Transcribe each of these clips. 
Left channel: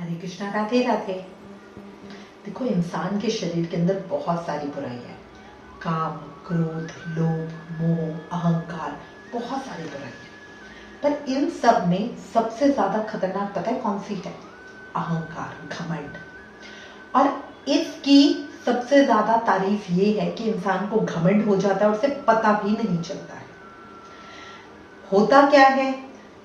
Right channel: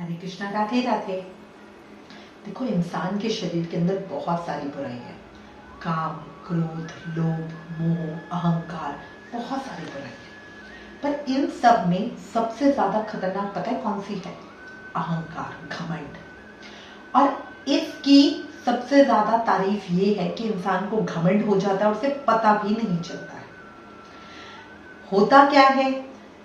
हरे कृष्णा, राधे राधे। देखो, इंसान के शरीर के अंदर बहुत सारी बुराई है। काम, क्रोध, लोभ, मोह, अहंकार, बहुत सारी बुराई है। पर इन सब में सबसे ज्यादा खतरनाक पता है कौन सी है? अहंकार, घमंड। और इसकी सबसे ज्यादा तारीफ ये है कि इंसान को घमंड हो जाता है और उसे पता भी नहीं चलता है। होता क्या है,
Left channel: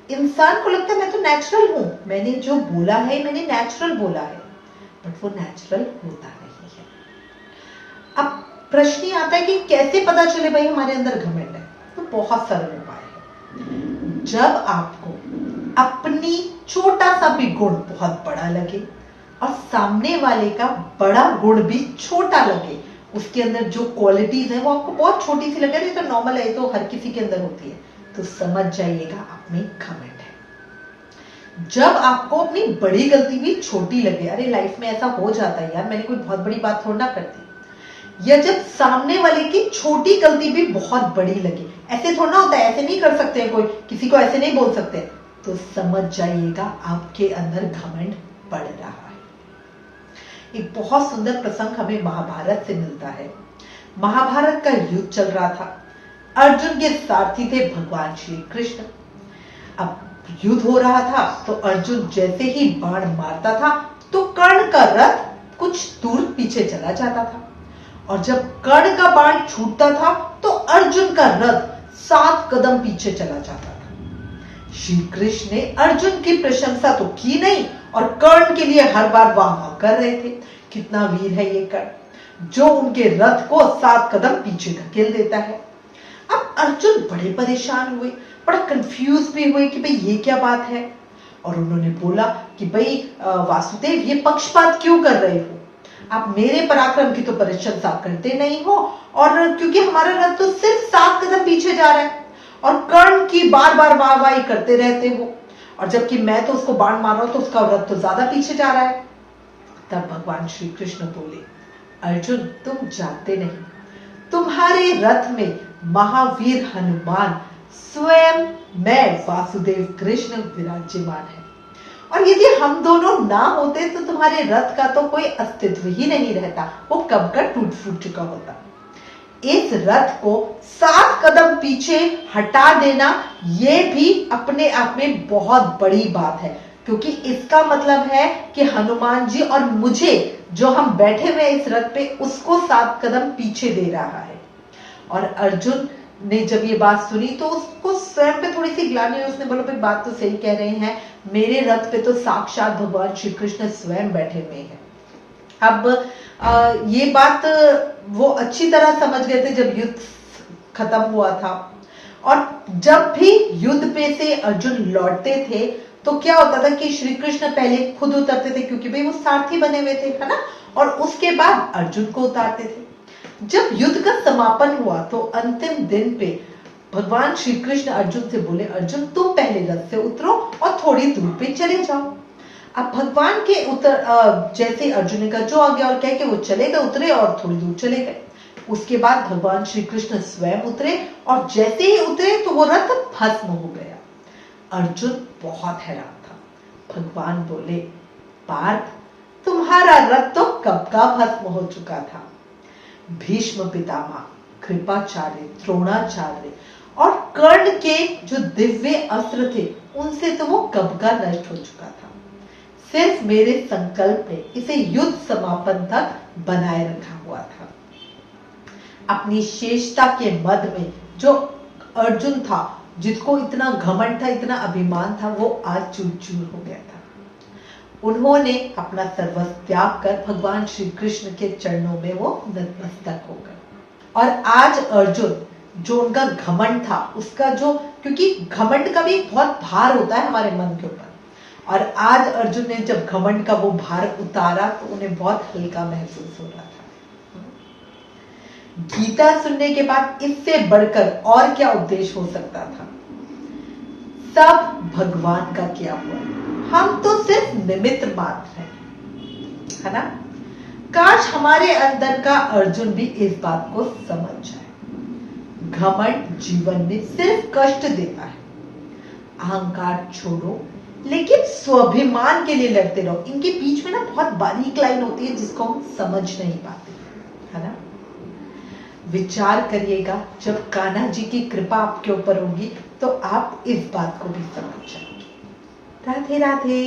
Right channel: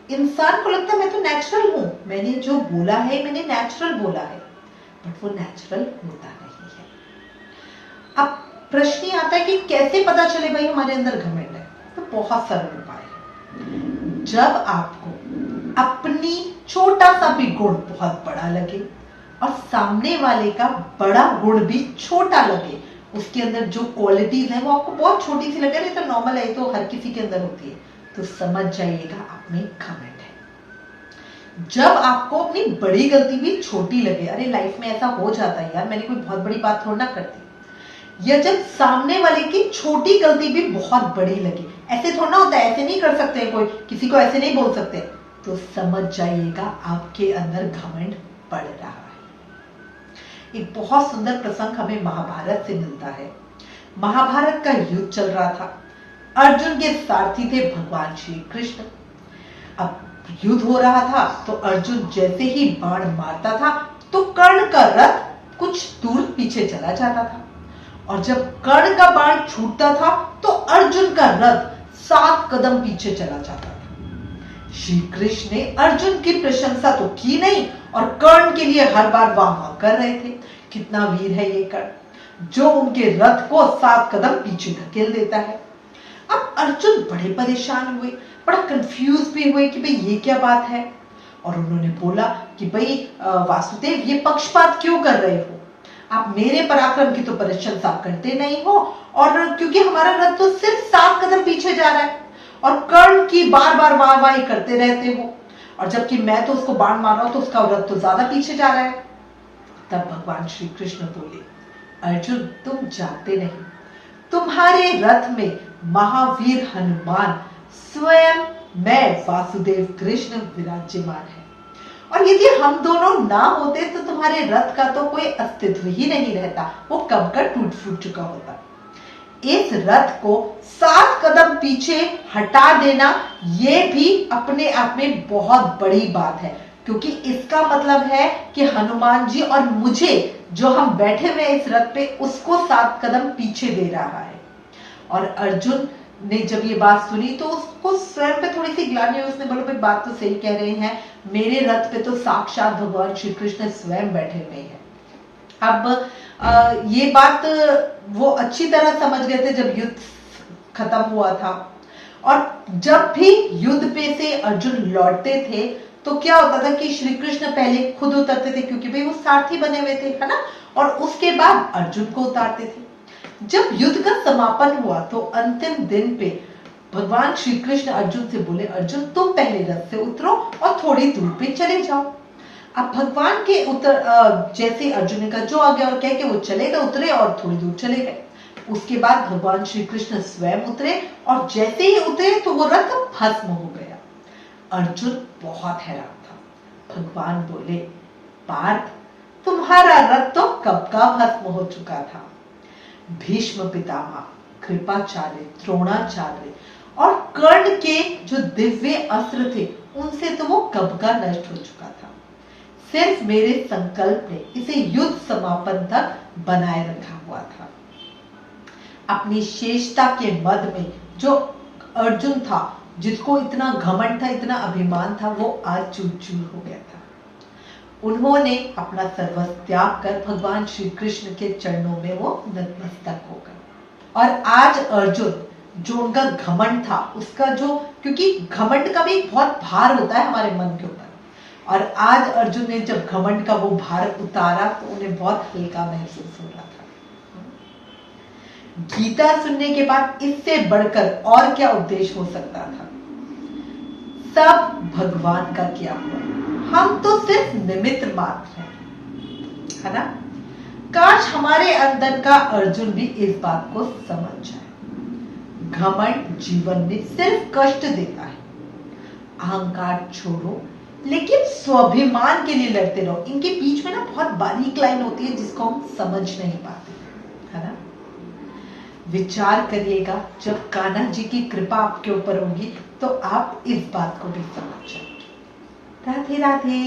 इंसान को लगता है मैं तो नेचुरल हूं, मैंने जो बोला है मैंने नेचुरल बोला है, बट वो नेचुरल होता नहीं है। अब प्रश्न ये आता है कि कैसे पता चले भाई हमारे अंदर घमंड है? तो बहुत सरल उपाय है। जब आपको अपनी छोटा सा भी गुण बहुत बड़ा लगे और सामने वाले का बड़ा गुण भी छोटा लगे, उसके अंदर जो क्वालिटीज है वो आपको बहुत छोटी सी लगे, नहीं तो नॉर्मल है, तो हर किसी के अंदर होती है, तो समझ जाइएगा आप में घमंड है। जब आपको अपनी बड़ी गलती भी छोटी लगे, अरे लाइफ में ऐसा हो जाता है यार, मैंने कोई बहुत बड़ी बात थोड़ा ना कर दी, या जब सामने वाले की छोटी गलती भी बहुत बड़ी लगे, ऐसे थोड़ा ना होता है, ऐसे नहीं कर सकते, कोई किसी को ऐसे नहीं बोल सकते, तो समझ जाइएगा आपके अंदर घमंड बढ़ रहा है। एक बहुत सुंदर प्रसंग हमें महाभारत से मिलता है। महाभारत का युद्ध चल रहा था। अर्जुन के सारथी थे भगवान श्री कृष्ण। अब युद्ध हो रहा था तो अर्जुन जैसे ही बाण मारता था तो कर्ण का रथ कुछ दूर पीछे चला जाता था, और जब कर्ण का बाण छूटता था तो अर्जुन का रथ 7 कदम पीछे चला जाता था। श्री कृष्ण ने अर्जुन की प्रशंसा तो की नहीं और कर्ण के लिए हर बार वाह कर रहे थे, कितना वीर है ये कर्ण, जो उनके रथ को 7 कदम पीछे धकेल देता है। अब अर्जुन बड़े परेशान हुए, बड़ा कंफ्यूज भी हुए कि भाई ये क्या बात है, और उन्होंने बोला कि भाई वासुदेव, ये पक्षपात क्यों कर रहे हो? आप मेरे पराक्रम की तो प्रशंसा करते नहीं हो, और क्योंकि हमारा रथ तो सिर्फ 7 कदम पीछे जा रहा है, और कर्ण की बार बार वाहवाही करते रहते हो, और जबकि मैं तो उसको बाण मार रहा हूं तो उसका रथ तो ज्यादा पीछे जा रहा है। तब भगवान श्री कृष्ण बोले, अर्जुन तुम जानते नहीं, तुम्हारे रथ में महावीर हनुमान स्वयं मैं वासुदेव कृष्ण विराजमान है, और यदि हम दोनों ना होते तो तुम्हारे रथ का तो कोई अस्तित्व ही नहीं रहता, वो कब का टूट फूट चुका होता। इस रथ को 7 कदम पीछे हटा देना ये भी अपने आप में बहुत बड़ी बात है, क्योंकि इसका मतलब है कि हनुमान जी और मुझे, जो हम बैठे हुए इस रथ पे, उसको 7 कदम पीछे दे रहा है। और अर्जुन ने जब ये बात सुनी तो उसको स्वयं पे थोड़ी सी ग्लानि हुई। उसने बोला भाई बात तो सही कह रहे हैं, मेरे रथ पे तो साक्षात भगवान श्री कृष्ण स्वयं बैठे हुए हैं। अब ये बात वो अच्छी तरह समझ गए थे जब युद्ध खत्म हुआ था, और जब भी युद्ध पे से अर्जुन लौटते थे तो क्या होता था कि श्री कृष्ण पहले खुद उतरते थे, क्योंकि भाई वो सारथी बने हुए थे, है ना, और उसके बाद अर्जुन को उतारते थे। जब युद्ध का समापन हुआ तो अंतिम दिन पे भगवान श्री कृष्ण अर्जुन से बोले, अर्जुन तुम पहले रथ से उतरो और थोड़ी दूर पे चले जाओ। अब भगवान के जैसे अर्जुन ने कहा जो आ गया, और कह के वो चले गए, उतरे और थोड़ी दूर चले गए। उसके बाद भगवान श्री कृष्ण स्वयं उतरे, और जैसे ही उतरे तो वो रथ भस्म हो गया। अर्जुन बहुत हैरान था। भगवान बोले, पार्थ तुम्हारा रथ तो कब का भस्म हो चुका था। भीष्म पितामह, कृपाचार्य, द्रोणाचार्य और कर्ण के जो दिव्य अस्त्र थे उनसे तो वो कब का नष्ट हो चुका था। सिर्फ मेरे संकल्प ने इसे युद्ध समापन तक बनाए रखा हुआ था। अपनी शेषता के मद में जो अर्जुन था, जिसको इतना घमंड था, इतना अभिमान था, वो आज चूर चूर हो गया था। उन्होंने अपना सर्वस्व त्याग कर भगवान श्री कृष्ण के चरणों में वो नतमस्तक हो गए। और आज अर्जुन, जो उनका घमंड था, उसका जो, क्योंकि घमंड का भी बहुत भार होता है हमारे मन के ऊपर, और आज अर्जुन ने जब घमंड का वो भार उतारा तो उन्हें बहुत हल्का महसूस हो रहा था। गीता सुनने के बाद इससे बढ़कर और क्या उपदेश हो सकता था? सब भगवान का किया हुआ है, हम तो सिर्फ निमित्त मात्र हैं, है ना। काश हमारे अंदर का अर्जुन भी इस बात को समझ जाए। घमंड जीवन में सिर्फ कष्ट देता है। अहंकार छोड़ो, लेकिन स्वाभिमान के लिए लड़ते रहो। इनके बीच में ना बहुत बारीक लाइन होती है जिसको हम समझ नहीं पाते, है ना। विचार करिएगा, जब कान्हा जी की कृपा आपके ऊपर होगी तो आप इस बात को भी समझ जाएंगे। राधे राधे।